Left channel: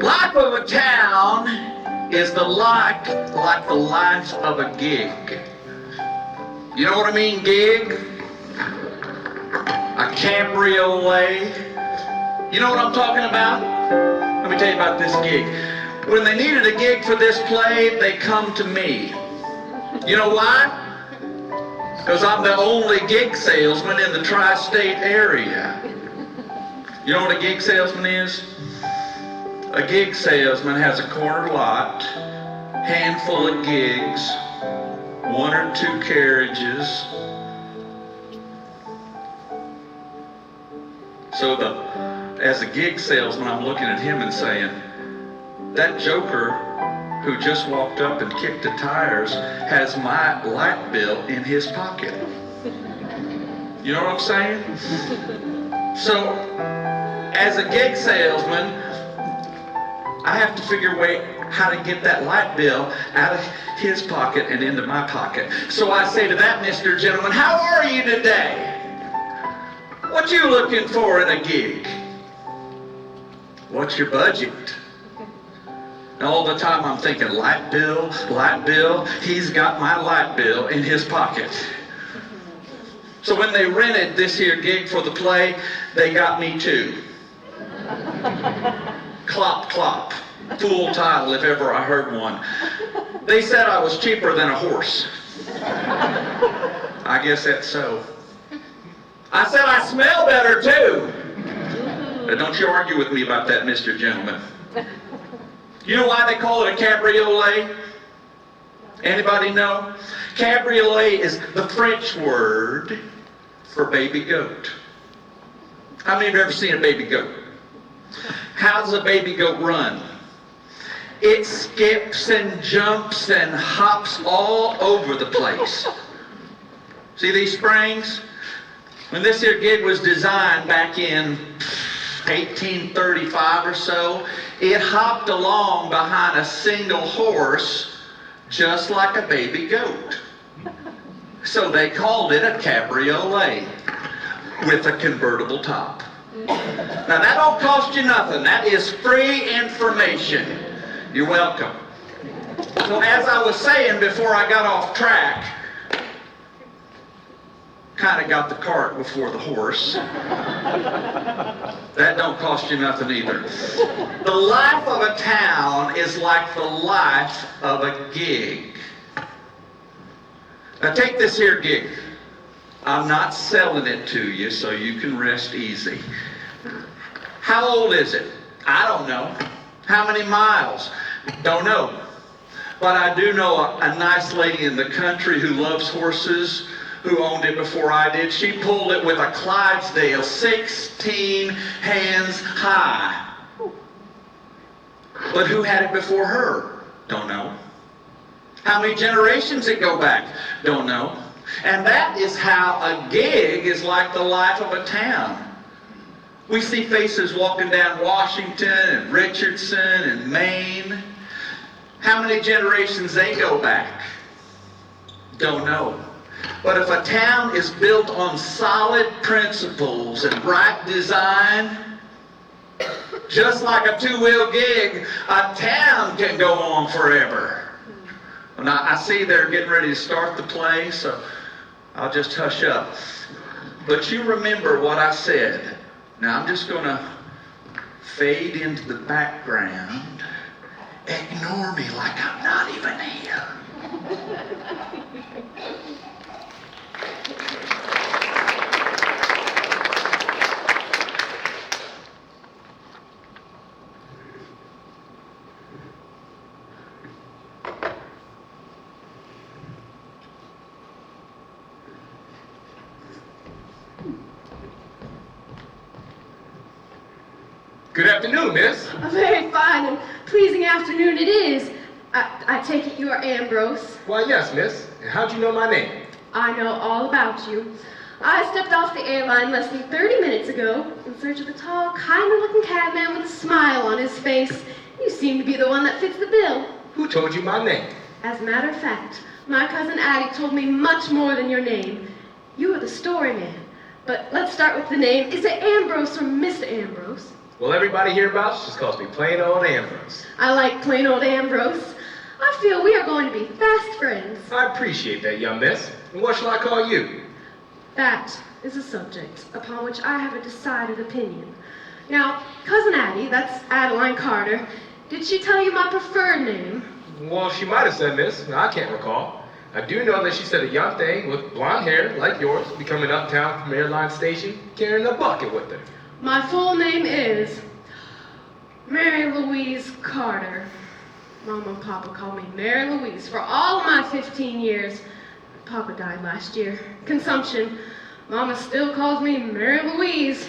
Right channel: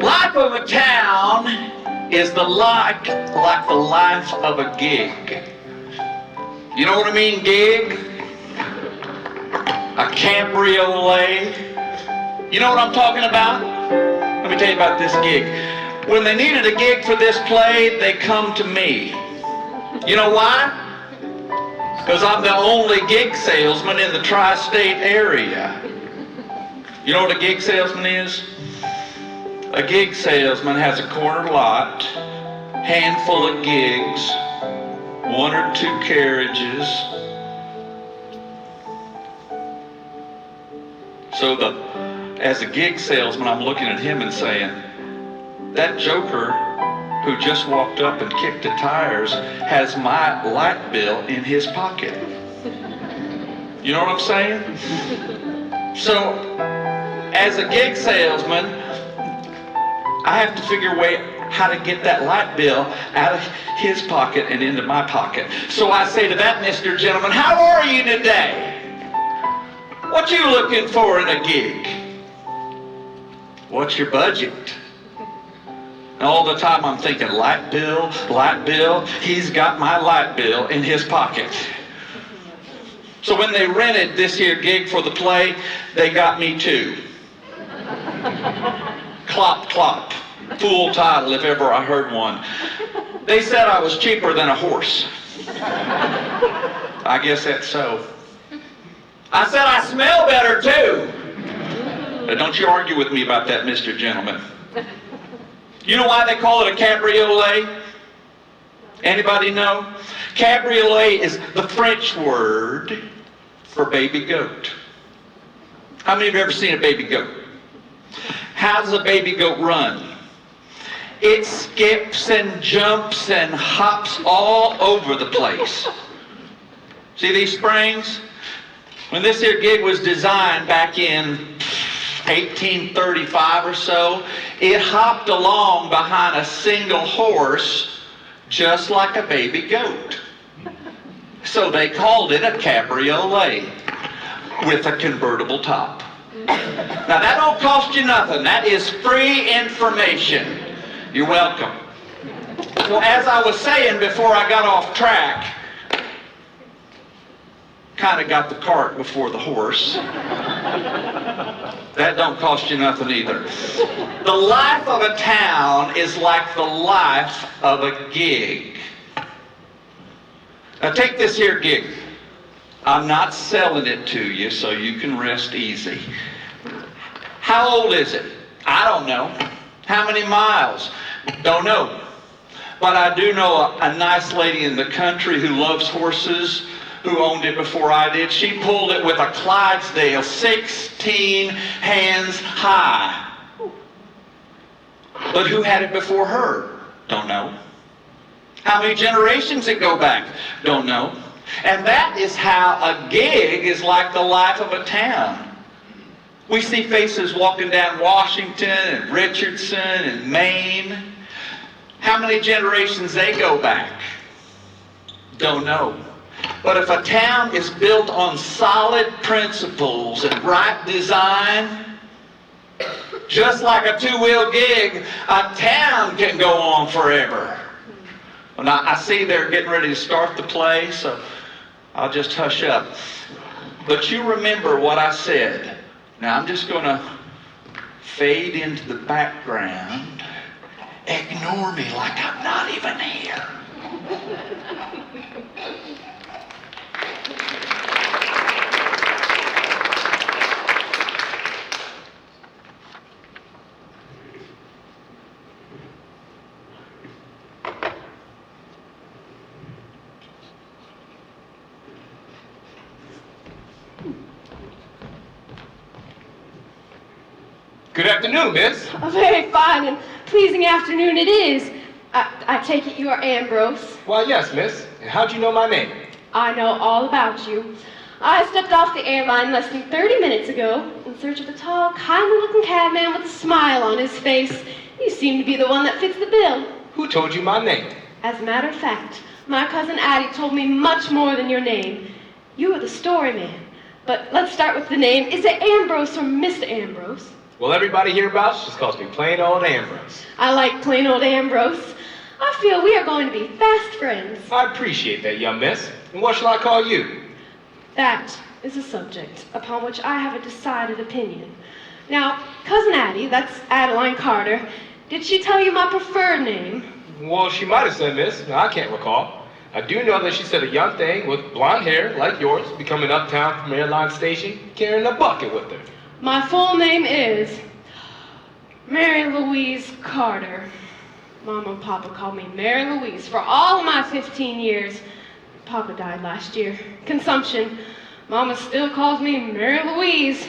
Life of a town is like the life of a gig. You know what I mean, gig? A cabriolet. You know what I'm talking about? Let me tell you about this gig. When they needed a gig for this play, they come to me. You know why? Because I'm the only gig salesman in the tri-state area. You know what a gig salesman is? A gig salesman has a corner lot, handful of gigs, 1 or 2 carriages. So as a gig salesman, I'm looking at him and saying, that joker who just walked up and kicked the tires has my light bill in his pocket. You know what I'm saying? So, as a gig salesman, I have to figure a way how to get that light bill out of his pocket and into my pocket. So I say to that Mr. Gentleman, how are you today? What you looking for in a gig? What's your budget? And all the time I'm thinking, light bill, he's got my light bill in his pocket. So when they rented this here gig for the play, they got me too. Clop Clop. Fool title if ever I heard one. They said I was cheaper than a horse. I guess that's so. I said I smell better too. Now don't you argue with me about that, Mr. Gentleman. You know why they call it a cabriolet? Anybody know? Cabriolet is the French word for baby goat. How many of you have ever seen a baby goat? How does a baby goat run? It skips and jumps and hops all over the place. See these springs? When this here gig was designed back in 1835 or so, it hopped along behind a single horse just like a baby goat. So they called it a cabriolet with a convertible top. Now that don't cost you nothing. That is free information. You're welcome. So as I was saying before I got off track, kind of got the cart before the horse. That don't cost you nothing either. The life of a town is like the life of a gig. Now take this here gig. I'm not selling it to you, so you can rest easy. How old is it? I don't know. How many miles? Don't know. But I do know a nice lady in the country who loves horses, who owned it before I did. She pulled it with a Clydesdale, 16 hands high. But who had it before her? Don't know. How many generations it go back? Don't know. And that is how a gig is like the life of a town. We see faces walking down Washington and Richardson and Maine. How many generations they go back? Don't know. But if a town is built on solid principles and right design, just like a two-wheel gig, a town can go on forever. Well, now, I see they're getting ready to start the play, so I'll just hush up. But you remember what I said. Now, I'm just going to fade into the background. Ignore me like I'm not even here. Good afternoon, miss. A very fine and pleasing afternoon it is. I take it you are Ambrose. Why, yes, miss. And how'd you know my name? I know all about you. I stepped off the airline less than 30 minutes ago in search of a tall, kindly-looking cabman with a smile on his face. You seem to be the one that fits the bill. Who told you my name? As a matter of fact, my cousin Addie told me much more than your name. You are the story man. But let's start with the name. Is it Ambrose or Mr. Ambrose? Well, everybody hereabouts just calls me plain old Ambrose. I like plain old Ambrose. I feel we are going to be fast friends. I appreciate that, young miss. And what shall I call you? That is a subject upon which I have a decided opinion. Now, Cousin Addie, that's Adeline Carter, did she tell you my preferred name? Well, she might have said, miss. I can't recall. I do know that she said a young thing with blonde hair, like yours, be coming uptown from Airline Station, carrying a bucket with her. My full name is Mary Louise Carter. Mama and Papa called me Mary Louise for all of my 15 years. Papa died last year. Consumption. Mama still calls me Mary Louise.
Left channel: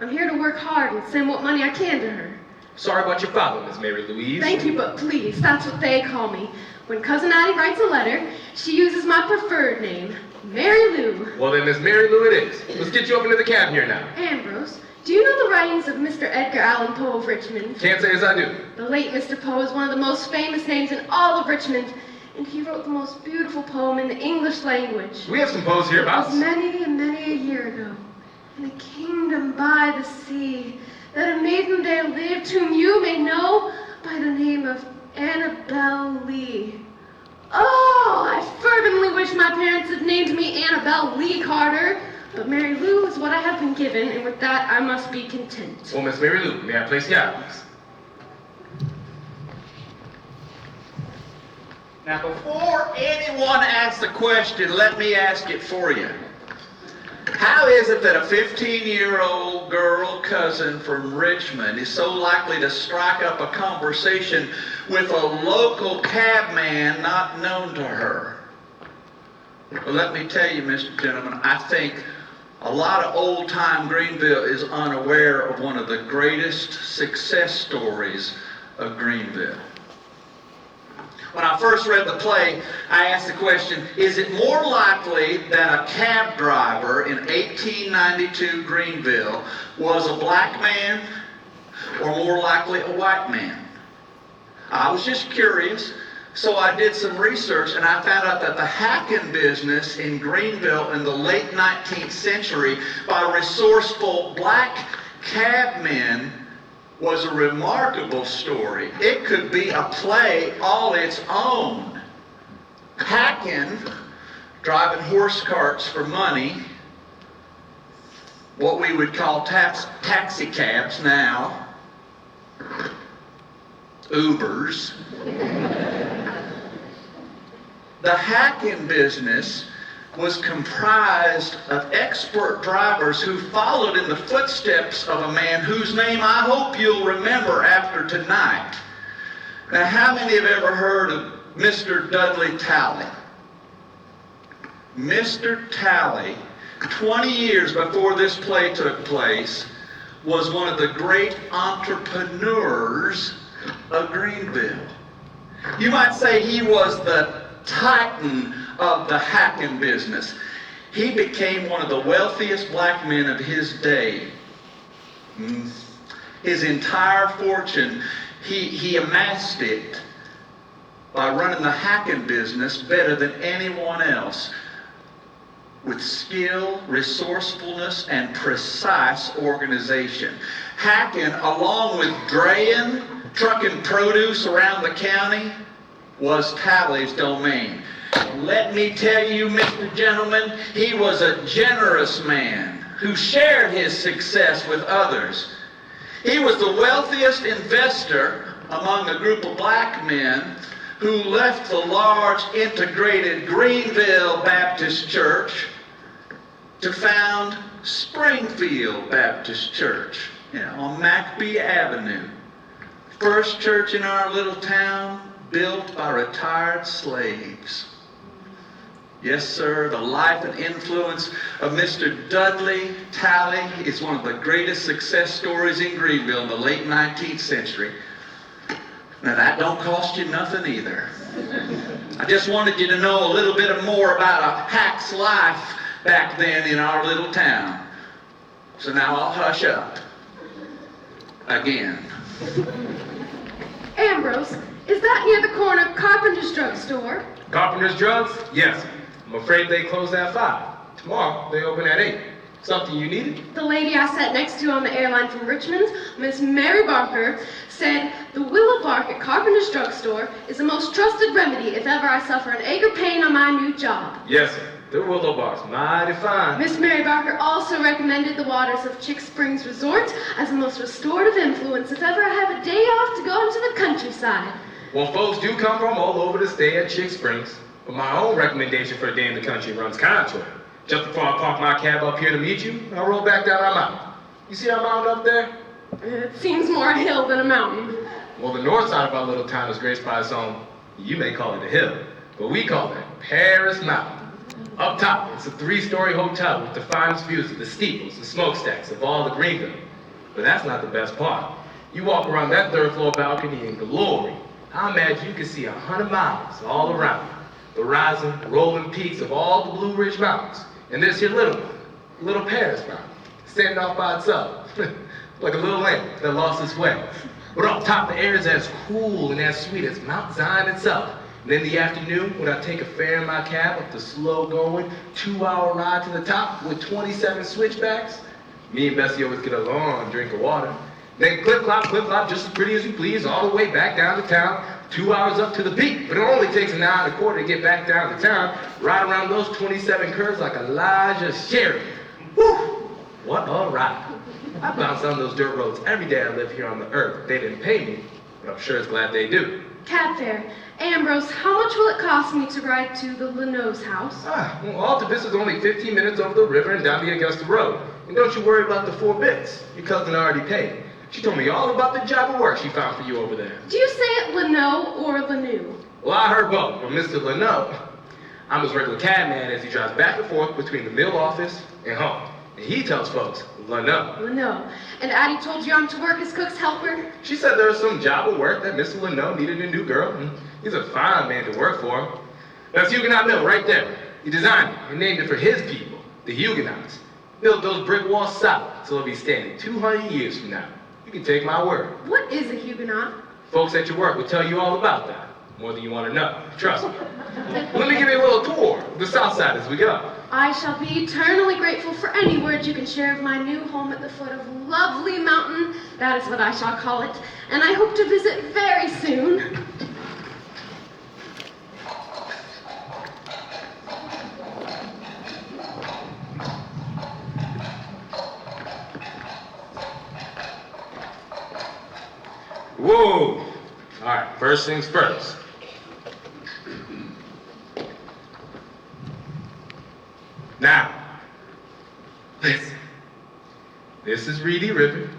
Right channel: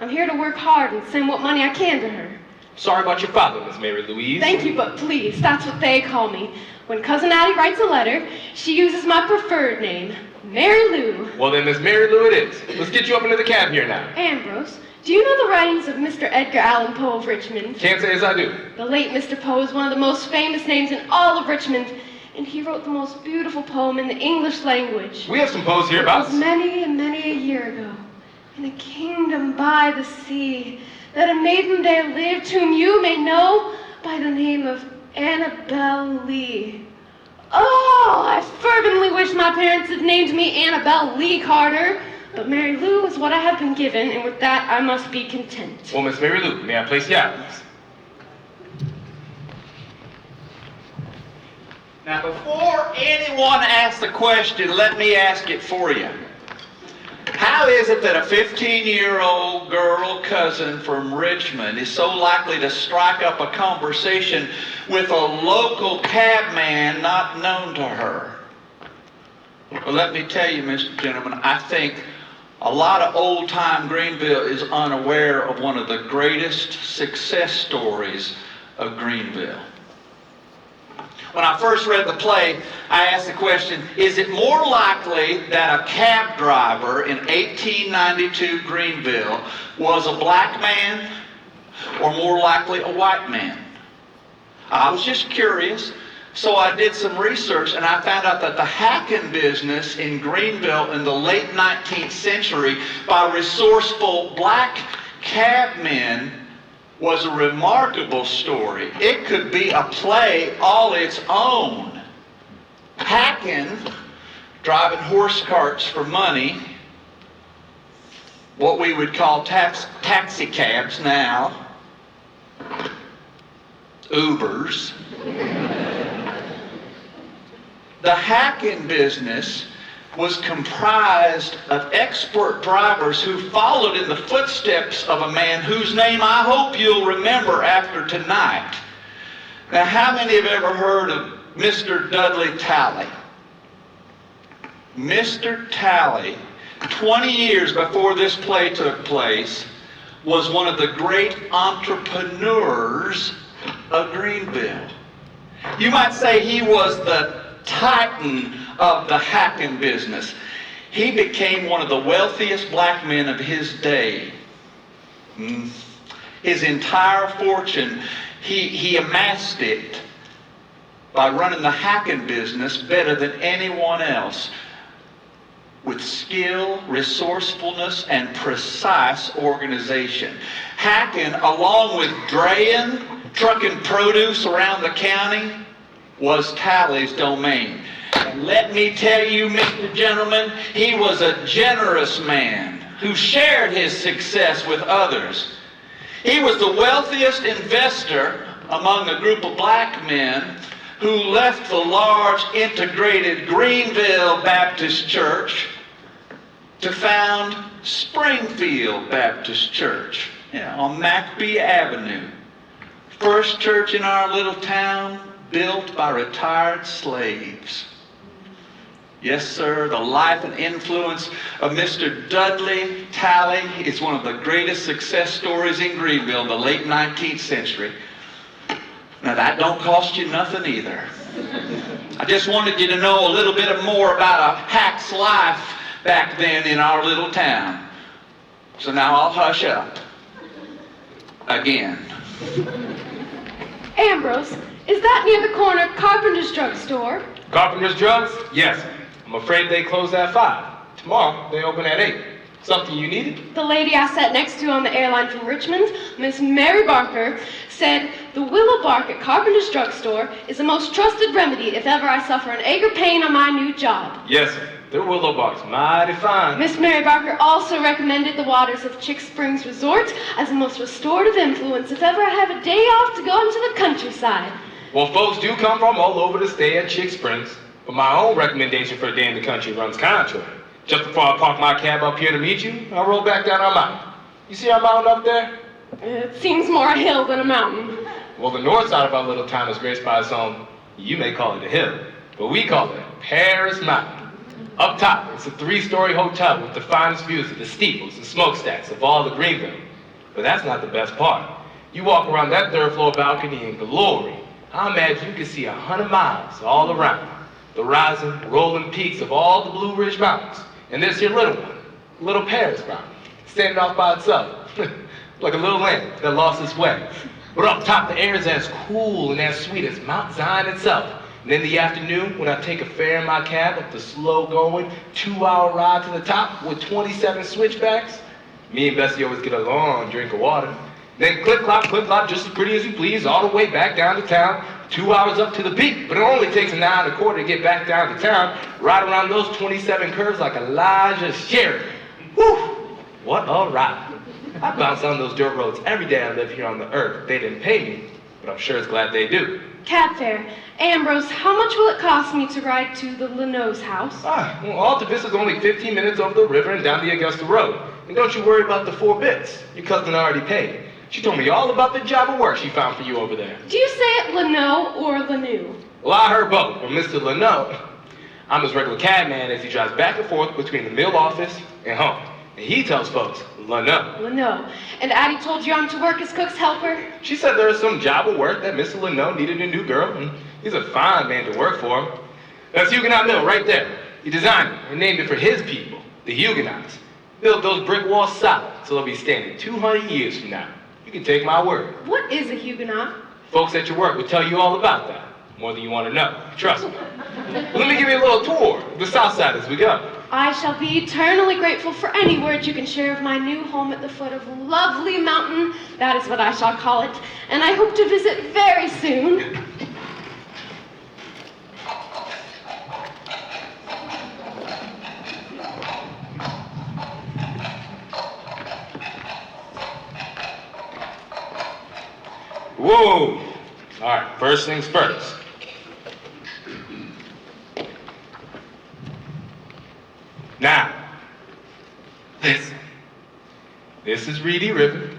I'm here to work hard and send what money I can to her. Sorry about your father, Miss Mary Louise. Thank you, but please, that's what they call me. When Cousin Addie writes a letter, she uses my preferred name, Mary Lou. Well then, Miss Mary Lou it is. Let's get you up into the cab here now. Ambrose, do you know the writings of Mr. Edgar Allan Poe of Richmond? Can't say as I do. The late Mr. Poe is one of the most famous names in all of Richmond, and he wrote the most beautiful poem in the English language. We have some Poes It hereabouts. was many and many a year ago, in a kingdom by the sea, that a maiden there lived whom you may know by the name of Annabel Lee. Oh, I fervently wish my parents had named me Annabel Lee Carter, but Mary Lou is what I have been given, and with that I must be content. Well, Miss Mary Lou, may I place you out, please? Now, before anyone asks the question, let me ask it for you. How is it that a 15-year-old girl cousin from Richmond is so likely to strike up a conversation with a local cabman not known to her? Well, let me tell you, Mr. Gentleman, I think a lot of old-time Greenville is unaware of one of the greatest success stories of Greenville. When I first read the play, I asked the question, is it more likely that a cab driver in 1892 Greenville was a black man or more likely a white man? I was just curious, so I did some research and I found out that the hacking business in Greenville in the late 19th century by resourceful black cabmen was a remarkable story. It could be a play all its own. Hacking, driving horse carts for money, what we would call taxi cabs now, Ubers. The hacking business was comprised of expert drivers who followed in the footsteps of a man whose name I hope you'll remember after tonight. Now, how many have ever heard of Mr. Dudley Talley? Mr. Talley, 20 years before this play took place, was one of the great entrepreneurs of Greenville. You might say he was the titan of the hacking business. He became one of the wealthiest black men of his day. His entire fortune, he amassed it by running the hacking business better than anyone else, with skill, resourcefulness, and precise organization. Hacking, along with draying, trucking produce around the county, was Talley's domain. And let me tell you, Mr. Gentleman, he was a generous man who shared his success with others. He was the wealthiest investor among a group of black men who left the large integrated Greenville Baptist Church to found Springfield Baptist Church, on McBee Avenue. First church in our little town, built by retired slaves. Yes, sir, the life and influence of Mr. Dudley Talley is one of the greatest success stories in Greenville in the late 19th century. Now, that don't cost you nothing either. I just wanted you to know a little bit more about a hack's life back then in our little town. So now I'll hush up. Again. Ambrose, is that near the corner Carpenter's drugstore? Carpenter's Drugs? Yes. I'm afraid they close at 5. Tomorrow, they open at 8. Something you needed? The lady I sat next to on the airline from Richmond, Miss Mary Barker, said the willow bark at Carpenter's drugstore is the most trusted remedy if ever I suffer an ache or pain on my new job. Yes, sir. The willow bark's mighty fine. Miss Mary Barker also recommended the waters of Chick Springs Resort as the most restorative influence if ever I have a day off to go into the countryside. Well, folks do come from all over to stay at Chick Springs, but my own recommendation for a day in the country runs contrary. Just before I park my cab up here to meet you, I roll back down our mountain. You see our mountain up there? It seems more a hill than a mountain. Well, the north side of our little town is graced by its own, you may call it a hill, but we call it Paris Mountain. Up top, it's a 3-story hotel with the finest views of the steeples and smokestacks of all the Greenville. But that's not the best part. You walk around that 3rd floor balcony in glory. I imagine you can see 100 miles all around. The rising, rolling peaks of all the Blue Ridge Mountains. And this here little one, little Paris Mountain, standing off by itself, like a little lamb that lost its way. But up top, the air is as cool and as sweet as Mount Zion itself. And in the afternoon, when I take a fare in my cab up the slow-going, 2-hour ride to the top with 27 switchbacks, me and Bessie always get a long drink of water. Then clip, clop, just as pretty as you please, all the way back down to town, 2 hours up to the peak. But it only takes an hour and a quarter to get back down to town, ride around those 27 curves like Elijah Sherry. Whew, what a ride. I bounce on those dirt roads every day I live here on the earth. They didn't pay me, but I'm sure it's glad they do. Cab fare. Ambrose, how much will it cost me to ride to the Leno's house? Well, all to this is only 15 minutes over the river and down the Augusta Road. And don't you worry about the 4 bits. Your cousin already paid. She told me all about the job of work she found for you over there. Do you say it Leno or Lenu? Well, I heard both from Mr. Leno. I'm his regular cab man as he drives back and forth between the mill office and home. And he tells folks, Leno. Leno. And Addie told you I'm to work as cook's helper? She said there's some job of work that Mr. Leno needed a new girl, and he's a fine man to work for him. That's Huguenot Mill right there. He designed it and named it for his people, the Huguenots. Built those brick walls solid, so they'll be standing 200 years from now. You can take my word. What is a Huguenot? Folks at your work will tell you all about that, more than you want to know. Trust me. Let me give you a little tour of the south side as we go. I shall be eternally grateful for any words you can share of my new home at the foot of Lovely Mountain. That is what I shall call it. And I hope to visit very soon. Whoa! All right, first things first. Now, listen. This is Reedy River,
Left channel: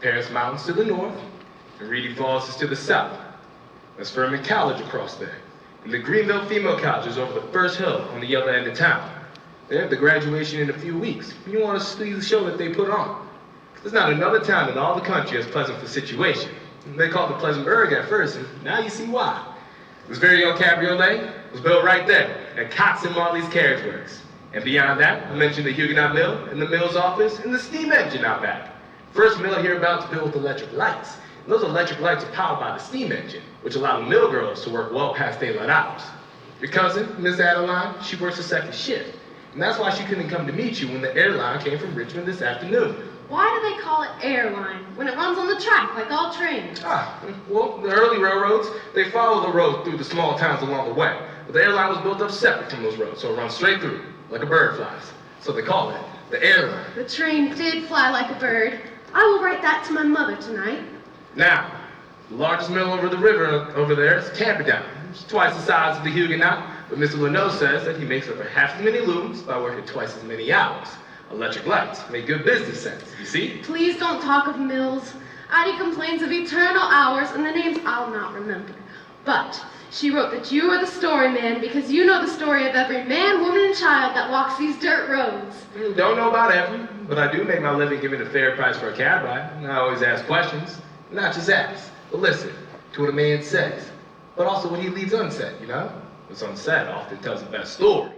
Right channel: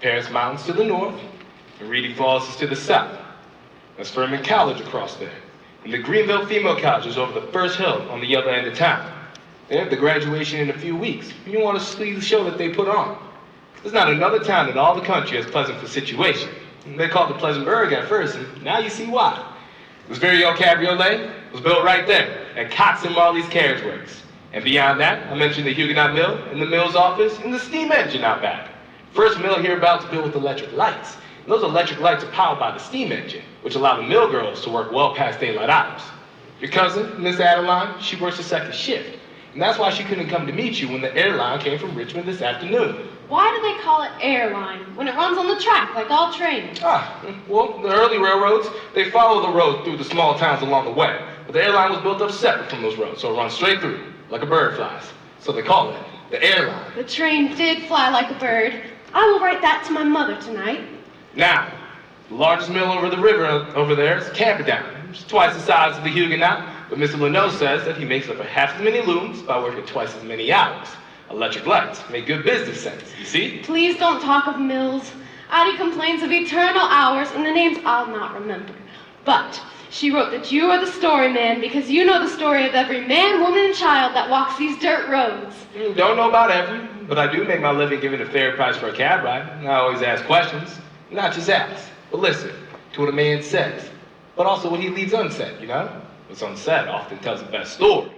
Paris Mountains to the north, and Reedy Falls is to the south. That's Furman College across there. And the Greenville Female College is over the first hill on the other end of town. They have the graduation in a few weeks. You want to see the show that they put on. There's not another town in all the country as pleasant for situation. They called it Pleasantburg at first, and now you see why. This very old cabriolet was built right there at Cox and Marley's Carriage Works. And beyond that, I mentioned the Huguenot Mill and the mill's office and the steam engine out back. First mill hereabouts built with electric lights. And those electric lights are powered by the steam engine, which allow the mill girls to work well past daylight hours. Your cousin, Miss Adeline, she works a second shift. And that's why she couldn't come to meet you when the airline came from Richmond this afternoon. Why do they call it airline when it runs on the track like all trains? Well, the early railroads, they follow the road through the small towns along the way. But the airline was built up separate from those roads, so it runs straight through, like a bird flies. So they call it the airline. The train did fly like a bird. I will write that to my mother tonight. Now, the largest mill over the river over there is Camperdown. It's twice the size of the Huguenot, but Mr. Leno says that he makes up for half as many looms by working twice as many hours. Electric lights make good business sense, you see? Please don't talk of mills. Addie complains of eternal hours and the names I'll not remember. But she wrote that you are the story man because you know the story of every man, woman, and child that walks these dirt roads. Don't know about every, but I do make my living giving a fair price for a cab ride. And I always ask questions. Not just ask, but listen to what a man says. But also what he leaves unsaid, you know? What's unsaid often tells the best story.